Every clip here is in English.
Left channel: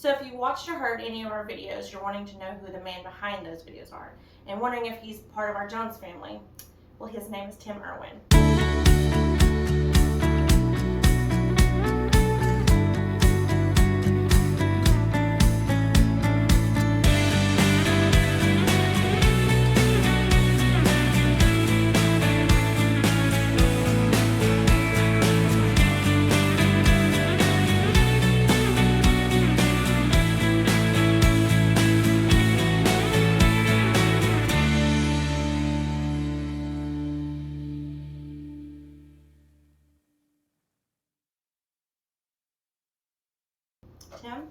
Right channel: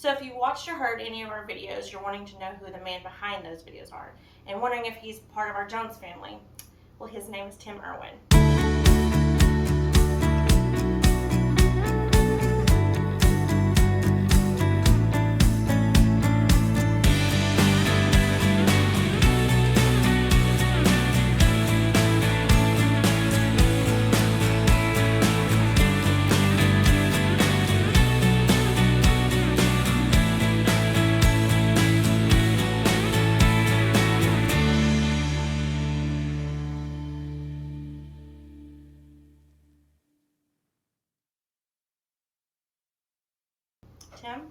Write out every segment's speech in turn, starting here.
So if you watched or heard any of our videos, you're wanting to know who the man behind those videos are and wondering if he's part of our Jones family. Well, his name is Tim Erwin. Tim?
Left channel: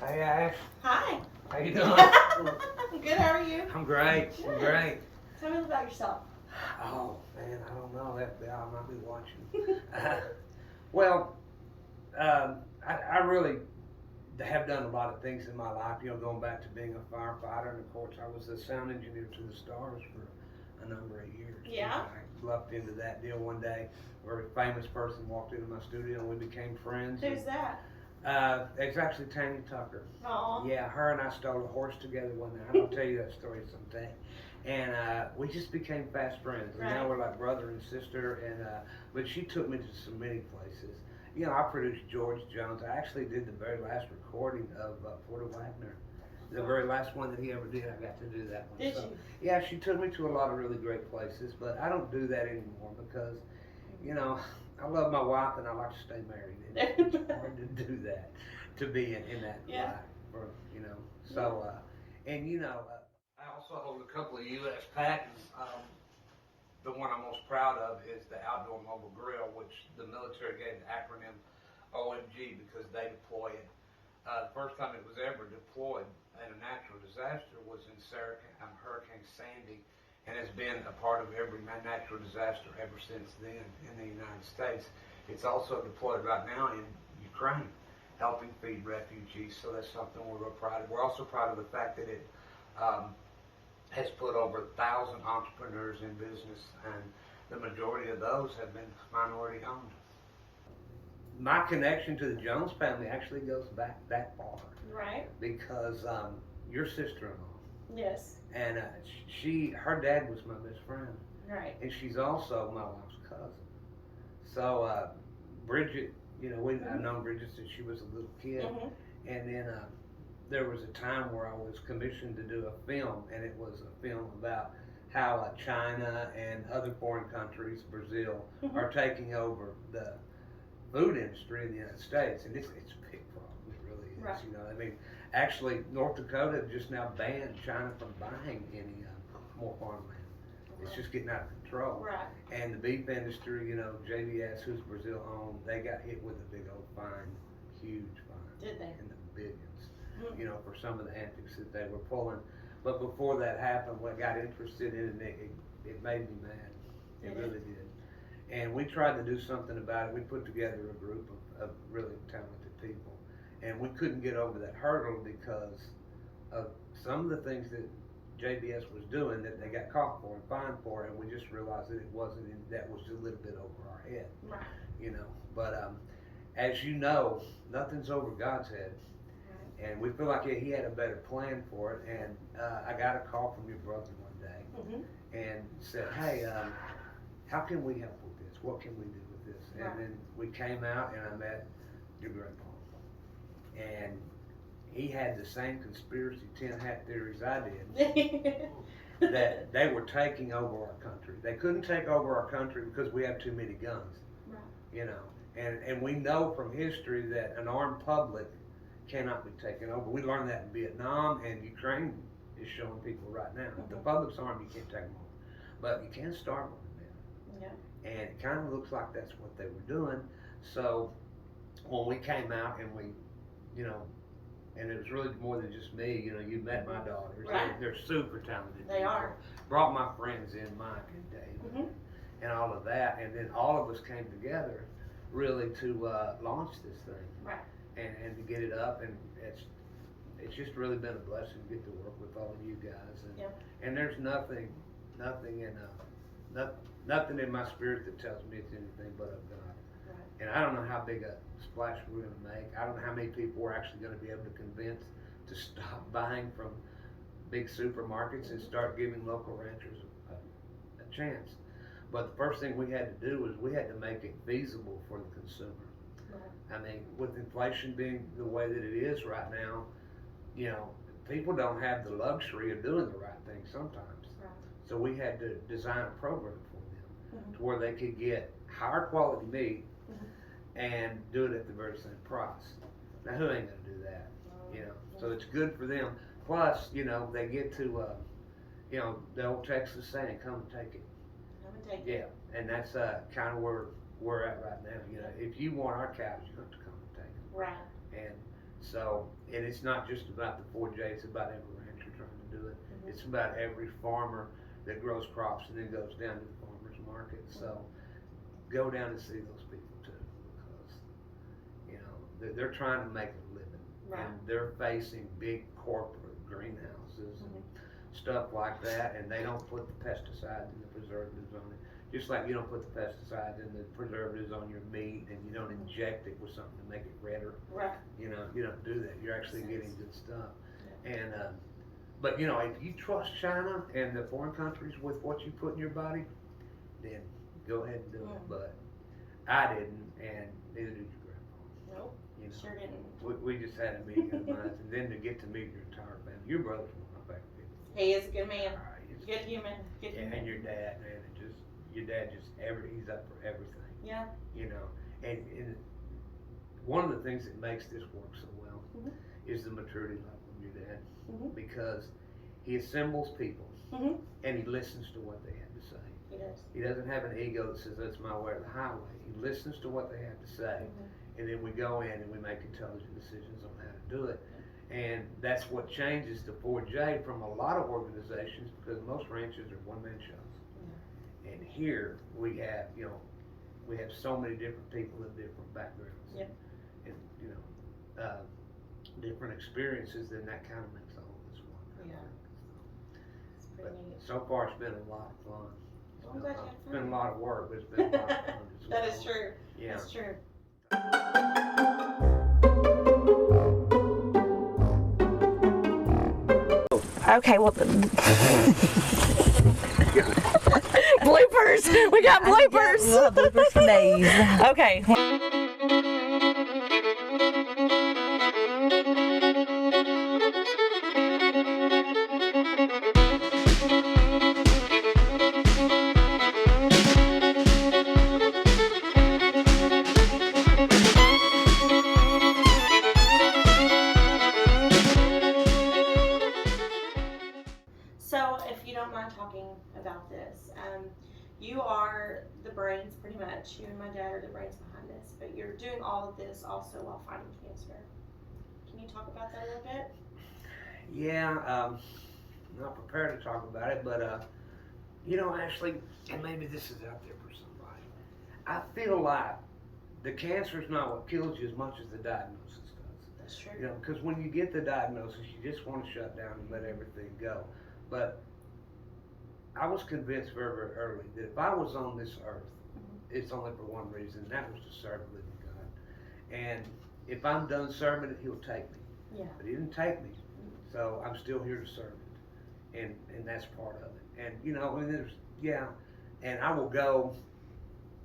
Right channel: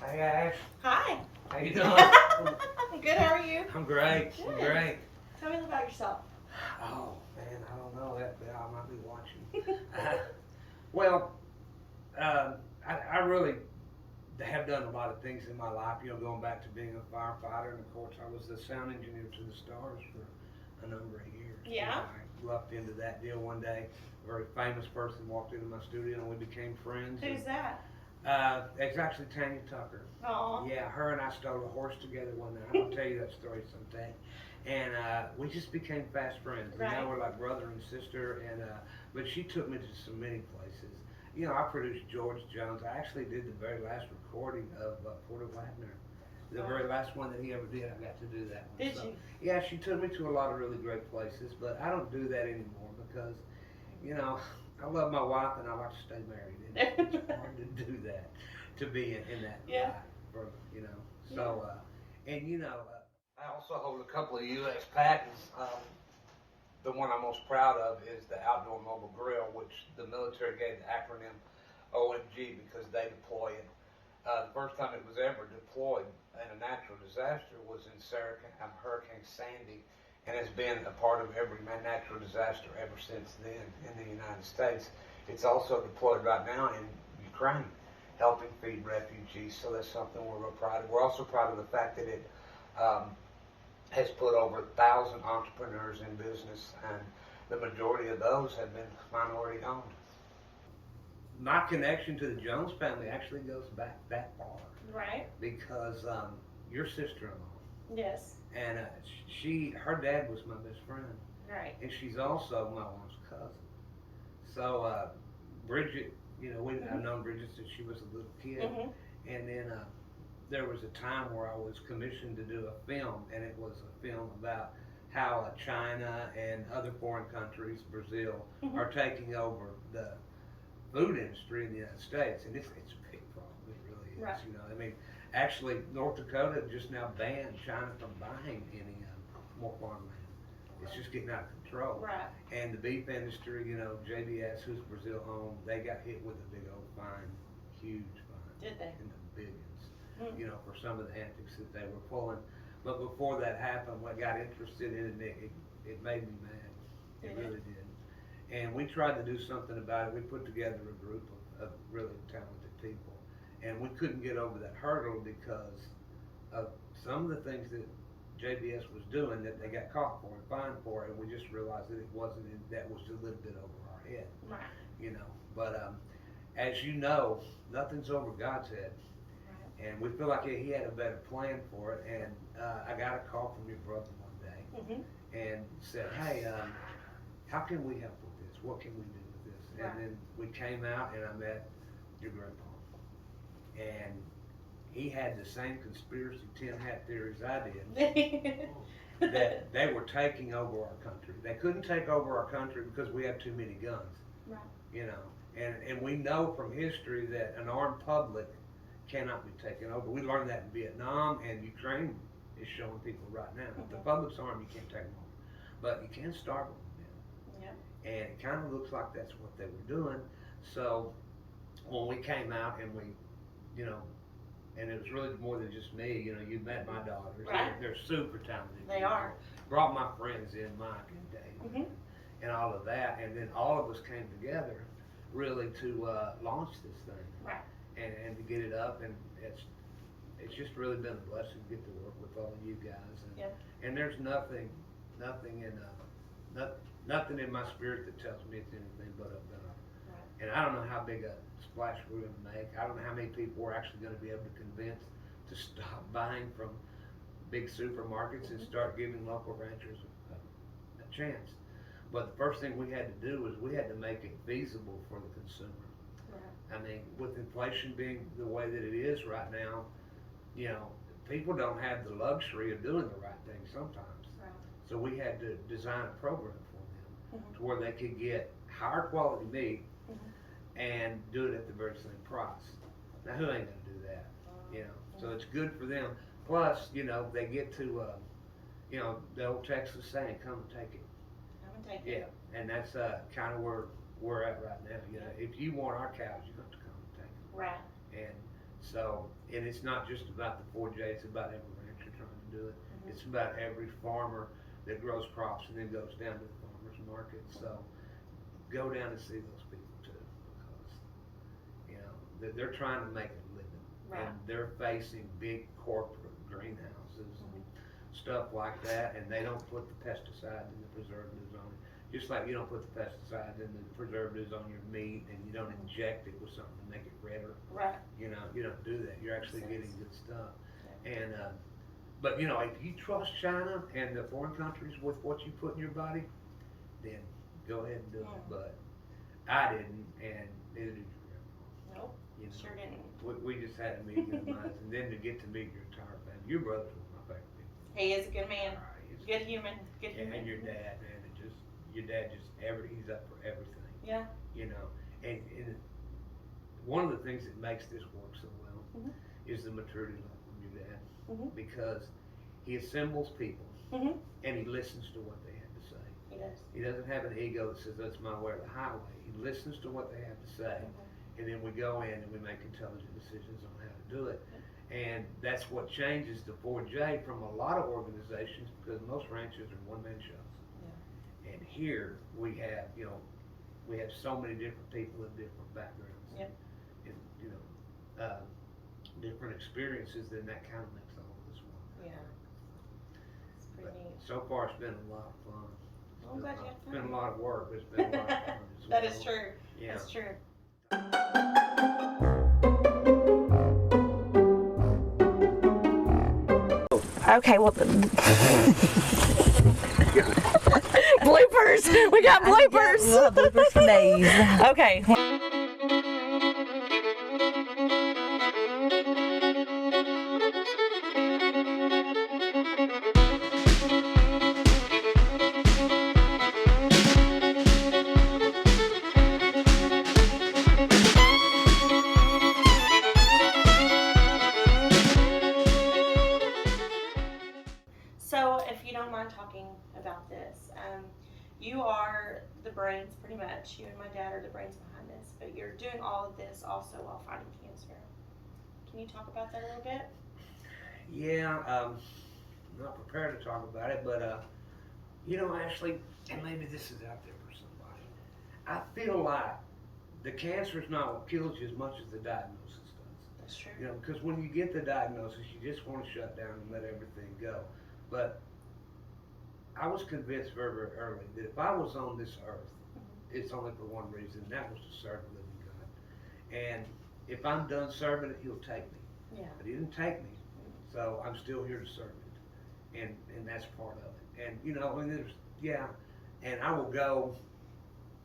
Hey Ash, Hi. how you doing? Good, how are you? I'm great. Good. I'm great. Tell me about yourself. Oh man, I don't know. I might be watching. Well, I really have done a lot of things in my life. Going back to being a firefighter, and of course, I was the sound engineer to the Stars for a number of years. Yeah. I lucked into that deal one day. A very famous person walked into my studio, and we became friends. Who's that? It's actually Tanya Tucker. Oh. Yeah, her and I stole a horse together one night. I'll tell you that story someday. And we just became fast friends. And now Right. we're like brother and sister. And but she took me to so many places. I produced George Jones. I actually did the very last recording of Porter Wagner. The very last one that he ever did, I got to do that one. Did so, you? Yeah, she took me to a lot of really great places, but I don't do that anymore because, I love my wife and I like to stay married. And it's hard to do that, to be in that Yeah. life, So, I also hold a couple of U.S. patents. The one I'm most proud of is the Outdoor Mobile Grill, which the military gave the acronym OMG because they deploy it. The first time it was ever deployed in a natural disaster was in Hurricane Sandy, and has been a part of every natural disaster ever since then in the United States. It's also deployed right now in Ukraine, helping feed refugees, so that's something we're real proud of. We're also proud of the fact that it has put over 1,000 entrepreneurs in business, and the majority of those have been minority owned. My connection to the Jones family actually goes back that far. Right. Because your sister-in-law, Yes. and her dad was my best friend, Right. and she's also my wife's cousin. So Bridget, I've known Bridget since she was a little kid, and then there was a time where I was commissioned to do a film, and it was a film about how China and other foreign countries, Brazil, are taking over the food industry in the United States, and it's a big problem. It really is. Right. Actually, North Dakota just now banned China from buying any more farmland. It's just getting out of control. Right. And the beef industry, JBS, who's Brazil owned, they got hit with a big old fine, huge fine. Did they? In the billions, for some of the antics that they were pulling. But before that happened, when I got interested in it, it made me mad. It really did. And we tried to do something about it. We put together a group of really talented people. And we couldn't get over that hurdle because of some of the things that JBS was doing that they got caught for and fined for, and we just realized that that was a little bit over our head. Right. But as you know, nothing's over God's head. Right. And we feel like he had a better plan for it. And I got a call from your brother one day and said, hey, how can we help with this? What can we do with this? Right. And then we came out and I met your grandpa. And he had the same conspiracy tin hat theories I did, that they were taking over our country. They couldn't take over our country because we have too many guns. Right. And we know from history that an armed public cannot be taken over. We learned that in Vietnam, and Ukraine is showing people right now. The public's armed, you can't take them over. But you can starve them. And it kind of looks like that's what they were doing. So when we came out and we, and it was really more than just me, you met my daughters. Right. They're super talented. They are. Brought my friends in, Mike and Dave, and all of that. And then all of us came together really to launch this thing. Right. And to get it up. And it's just really been a blessing to get to work with all of you guys. And there's nothing in my spirit that tells me it's anything but of God. Right. And I don't know how big a splash we're going to make. I don't know how many people we're actually going to be able to convince to stop buying from big supermarkets and start giving local ranchers a chance. But the first thing we had to do was we had to make it feasible for the consumer. Right. I mean, with inflation being the way that it is right now, you know, people don't have the luxury of doing the right thing sometimes. Right. So we had to design a program for them to where they could get higher quality meat and do it at the very same price. Now, who ain't gonna do that? You know, so it's good for them. Plus, you know, they get to, you know, the old Texas saying, "Come and take it." Come and take it. Yeah, and that's kind of where we're at right now. You know, if you want our cows, you have to come and take them. Right. And so, and it's not just about the 4J, it's about every rancher trying to do it. It's about every farmer that grows crops and then goes down to the farmer's market. So, go down and see those people too, because, you know, they're trying to make a living. Right. And they're facing big corporate greenhouses and stuff like that, and they don't put the pesticides and the preservatives on it. Just like you don't put the pesticides and the preservatives on your meat, and you don't inject it with something to make it redder. Right. You know, you don't do that. You're actually getting good stuff. Yeah. And but you know, if you trust China and the foreign countries with what you put in your body, then go ahead and do it. But I didn't, and neither did your grandpa. Nope. You know, sure didn't. We just had a meeting of minds, and then to get to meet your entire family. Your brother's one of my favorite people. He is a good man. Good human. Good human. And your dad, man, your dad he's up for everything. Yeah. You know, and one of the things that makes this work so well is the maturity level of your dad, because he assembles people and he listens to what they have to say. He does. He doesn't have an ego that says that's my way or the highway. He listens to what they have to say, and then we go in and we make intelligent decisions on how to do it. And that's what changes the 4J from a lot of organizations, because most ranches are one-man shows. And here we have, you know, we have so many different people with different backgrounds and you know, different experiences, then that kind of makes all of this work. Yeah. It's pretty neat. So far it's been a lot of fun. It's been a lot of work, but it's been a lot of fun as well. That is true. Yeah. That's true. Okay, well, bloopers. We got bloopers. Bloopers for days. Okay. So, if you don't mind talking about this, you are the brains, pretty much. You and my dad are the brains behind this, but you're doing all of this also while fighting cancer. Can you talk about that a little bit? Yeah, I'm not prepared to talk about it, but you know, Ashley, and maybe this is out there for somebody, I feel like the cancer is not what kills you as much as the diagnosis does. That's true. You know, because when you get the diagnosis, you just want to shut down and let everything go. But I was convinced very, very early that if I was on this earth, it's only for one reason, and that was to serve the living God. And if I'm done serving it, he'll take me. Yeah. But he didn't take me, so I'm still here to serve it. And that's part of it. And, you know, and and I will go,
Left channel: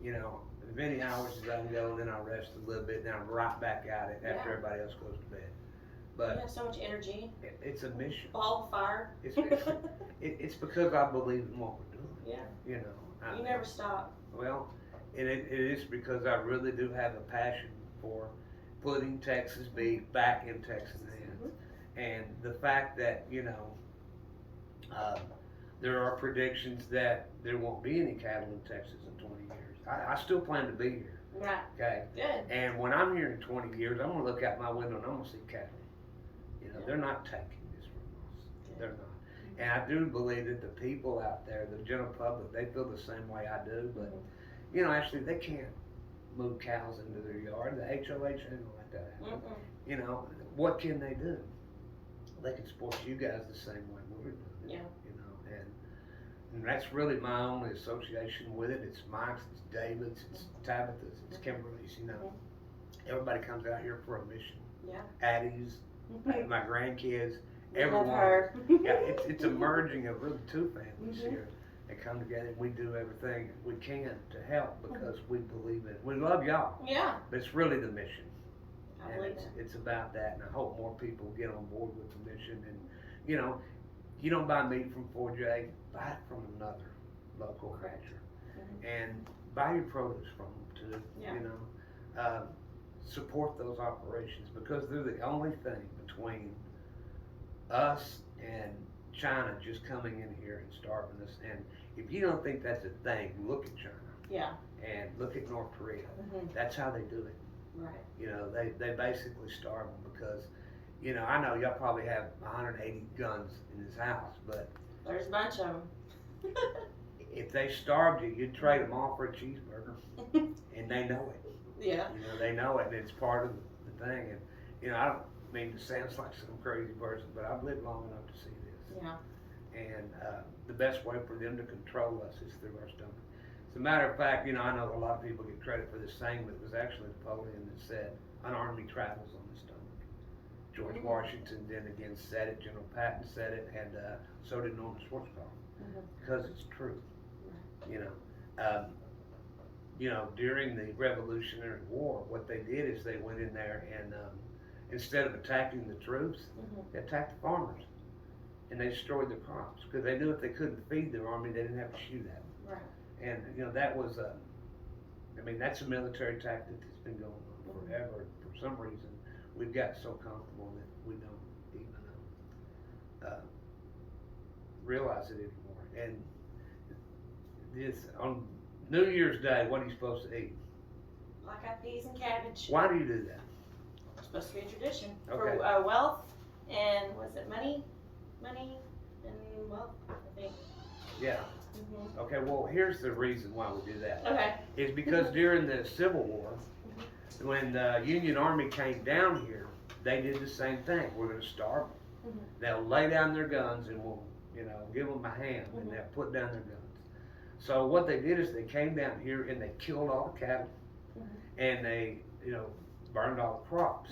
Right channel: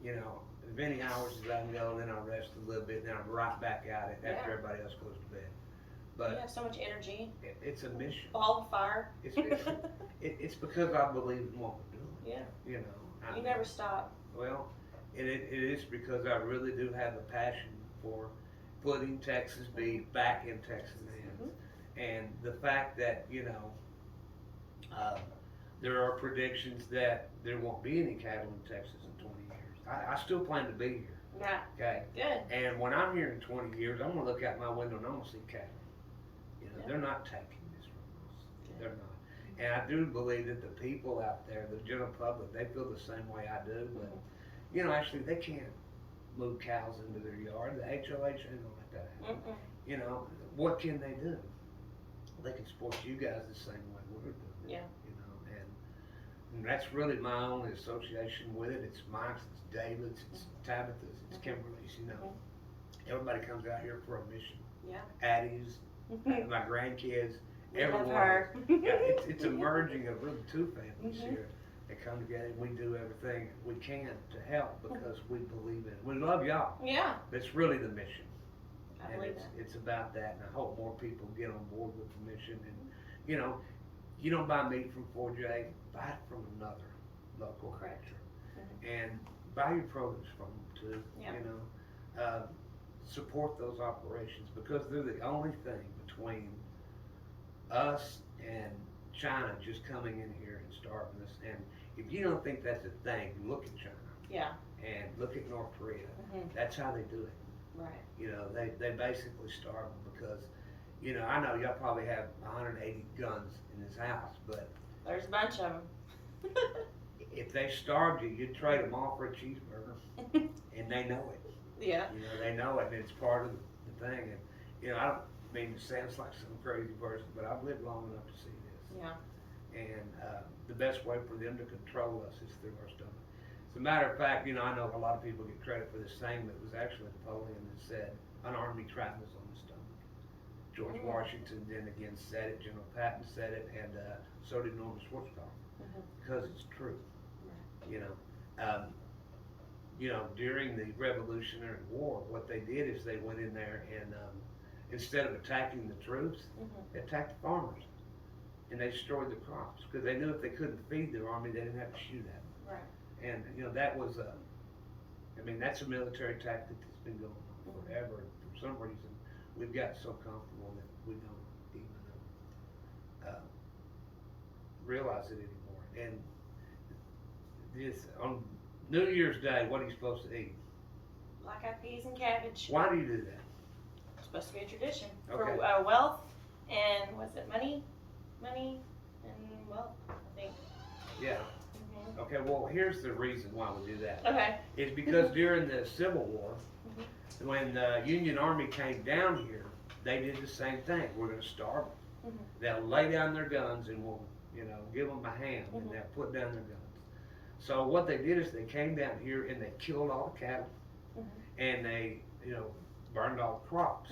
you know, as many hours as I can go, and then I'll rest a little bit, and then I'm right back at it after everybody else goes to bed. But you have so much energy. It's a mission. Ball of fire. It's because I believe in what we're doing. Yeah. You know. You never stop. Well, and it is because I really do have a passion for putting Texas beef back in Texas hands. And the fact that, you know, there are predictions that there won't be any cattle in Texas in 20 years. I still plan to be here. Right. Okay. Good. And when I'm here in 20 years, I'm gonna look out my window and I'm gonna see cattle. You know, they're not taking this from us. They're not. And I do believe that the people out there, the general public, they feel the same way I do. But you know, actually, they can't move cows into their yard. The HOH ain't gonna let that happen. You know, what can they do? They can support you guys the same way we're doing. Yeah. You know, and that's really my only association with it. It's Mike's, it's David's, it's Tabitha's, it's Kimberly's. You know, Everybody comes out here for a mission. Yeah. Addie's, my grandkids, We love everyone. her. Yeah, it's a merging of really two families here. They come together and we do everything we can to help because we believe in it. We love y'all. Yeah. But it's really the mission. I And believe it's about that, and I hope more people get on board with the mission. And you know, you don't buy meat from 4J, buy it from another local rancher, and buy your produce from them too. Yeah. You know, support those operations because they're the only thing between us and China just coming in here and starving us. And if you don't think that's a thing, look at China. Yeah. And look at North Korea. That's how they do it. Right. You know, they basically starve them because, you know, I know y'all probably have 180 guns in this house, but There's a bunch of them. if they starved you, you'd trade them all for a cheeseburger, and they know it. Yeah. You know, they know it, and it's part of the thing. And you know, I don't mean to sound like some crazy person, but I've lived long enough to see this. Yeah. And the best way for them to control us is through our stomach. As a matter of fact, you know, I know a lot of people get credit for this saying, but it was actually Napoleon that said, "An army travels on the stomach." George Washington then again said it, General Patton said it, and so did Norman Schwarzkopf, because it's true. You know, during the Revolutionary War, what they did is they went in there and instead of attacking the troops, they attacked the farmers, and they destroyed their crops because they knew if they couldn't feed their army, they didn't have to shoot at them. Right. And you know, that was I mean, that's a military tactic that's been going on forever. For some reason, we've got so comfortable that we don't even realize it anymore. And this on New Year's Day, what are you supposed to eat? Black-eyed peas and cabbage. Why do you do that? It's supposed to be a tradition Okay. for wealth and was it money and wealth? I think. Yeah. Okay. Well, here's the reason why we do that. Okay. Is because during the Civil War, when the Union Army came down here, they did the same thing. We're going to starve them. They'll lay down their guns and we'll, you know, give them a hand and they'll put down their guns. So what they did is they came down here and they killed all the cattle and they, you know, burned all the crops.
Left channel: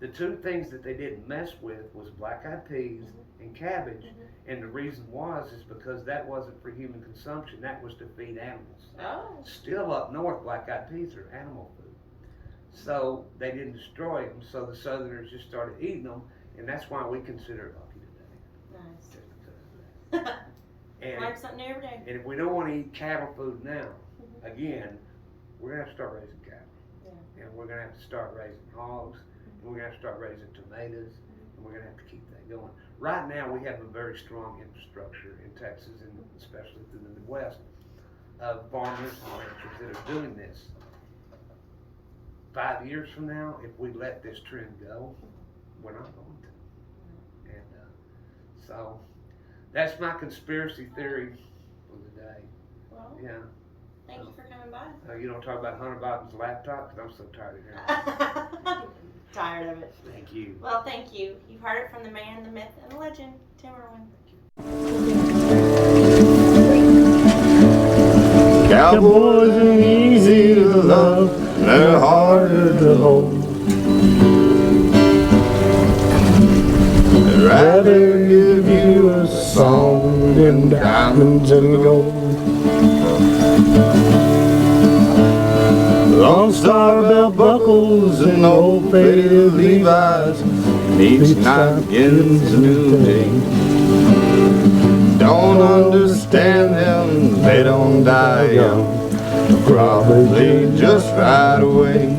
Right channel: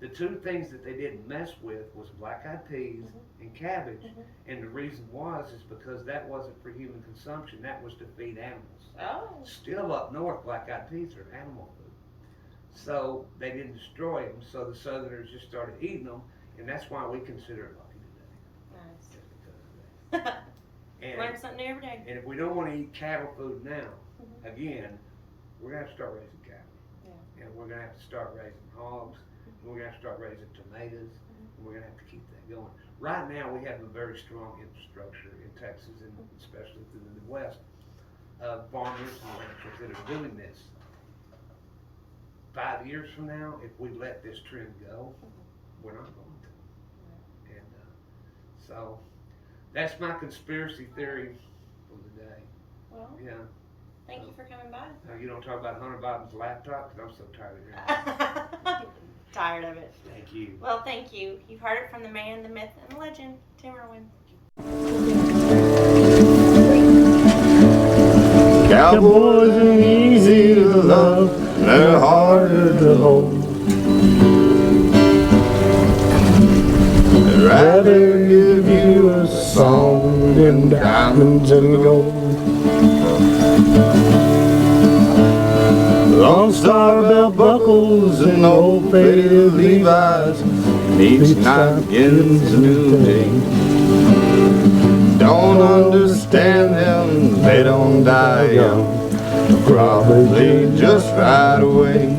The two things that they didn't mess with was black-eyed peas and cabbage, and the reason is because that wasn't for human consumption, that was to feed animals. Oh. Still up north, black-eyed peas are animal food. So they didn't destroy them, so the Southerners just started eating them, and that's why we consider it lucky today. Nice. Just because of that. Learn something new every day. And if we don't want to eat cattle food now, again, we're going to have to start raising cattle. Yeah. And we're going to have to start raising hogs, and we're going to have to start raising tomatoes, and we're going to have to keep that going. Right now, we have a very strong infrastructure in Texas, and especially through the Midwest, of farmers and ranchers that are doing this. 5 years from now, if we let this trend go, we're not going to. And so that's my conspiracy theory for the day. Well, Yeah. thank you for coming by. You don't talk about Hunter Biden's laptop because I'm so tired of hearing it. Tired of it. Thank you. Well, thank you. You've heard it from the man, the myth, and the legend, Tim Erwin. Cowboys are easy to love, they're harder to hold. I'd rather give you a song than diamonds and gold. Lone Star belt buckles and old faded Levi's, and each night begins a new day. Don't understand them, they don't die young, probably just right away.